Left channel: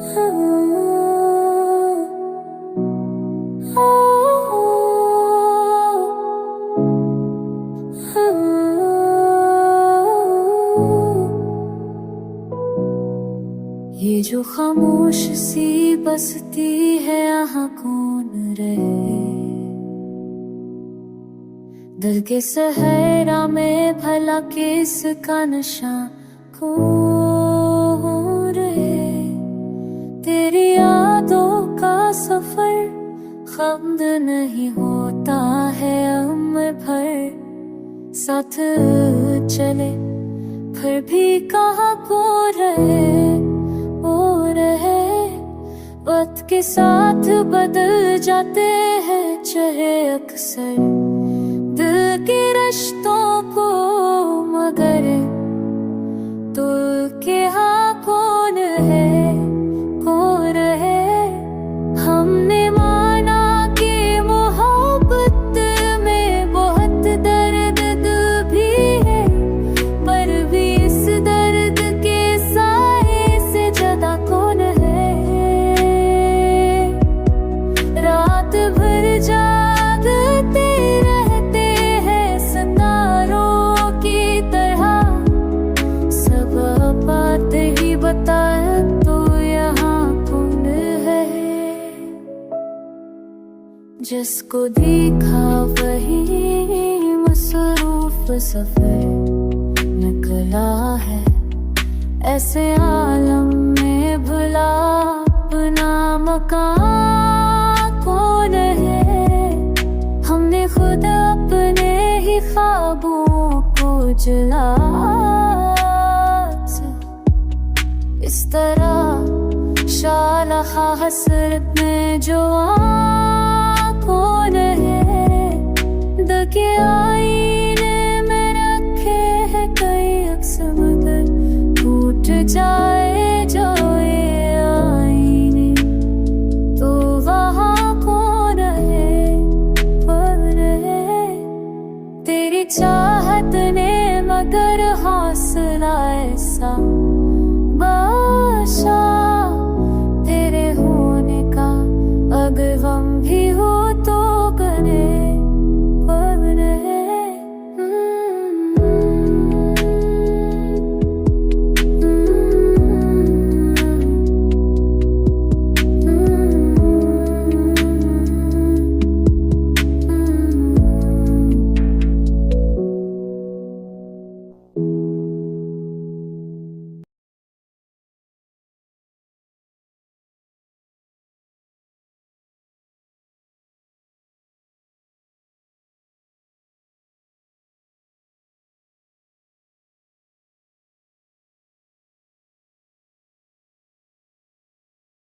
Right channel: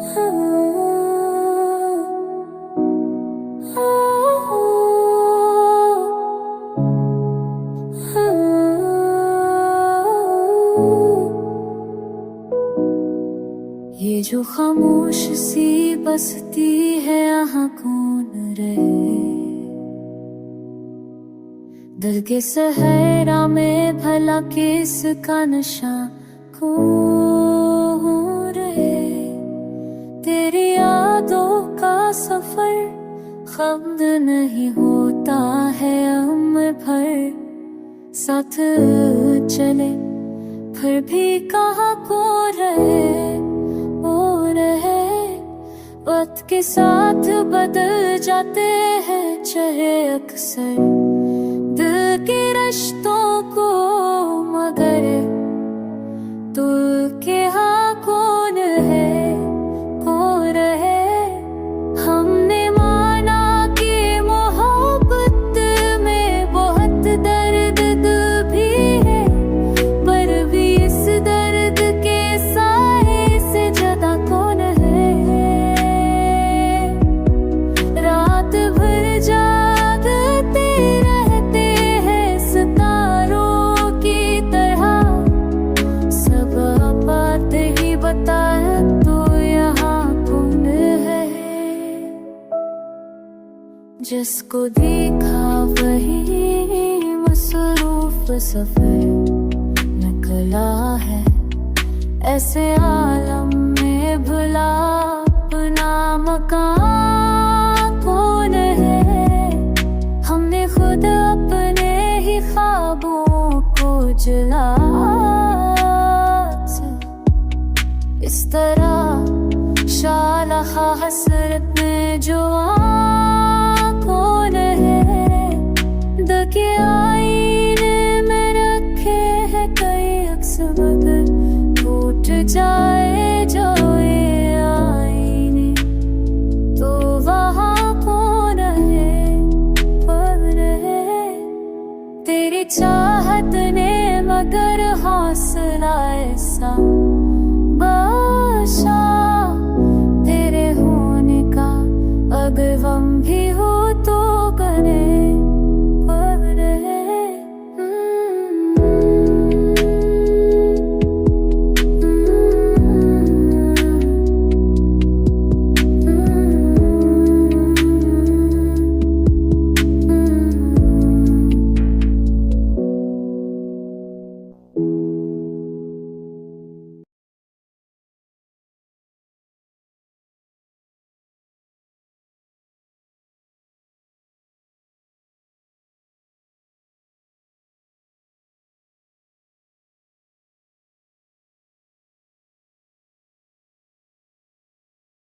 ये जो खामोश सी बसती है यहाँ कौन रहे। दिल के सहरा में भला किसका नशा कौन रहे। तेरी यादों का सफर खम्द नहीं होता है उम्र भर। साथ चले फिर भी कहाँ खो रहे वक्त के साथ बदल जाते हैं चाहे अक्सर दिल के रिश्तों को, मगर तू के हाँ कौन है कौन है। हमने माना कि मोहब्बत में बहुत दर्द भी है, पर भी इस दर्द के साए से ज्यादा कौन है। रात भर जागते रहते हैं सितारों की तरह, सब बात ही बता तो यहाँ कौन है। जिसको देखा वही मसरूफ सफर निकला है। ऐसे आलम में भुला अपना मकान कौन है। हमने खुद अपने ही ख्वाबों को जला इस तरह शालखा हसरत में जो कौन है। दके आईने में रखे हैं कई अक्स, मगर टूट जाए जो ये आईने तो वहाँ कौन है कौन है। तेरी चाहत ने मगर हौसला ऐसा बख्शा, तेरे होने का अगर गम भी हो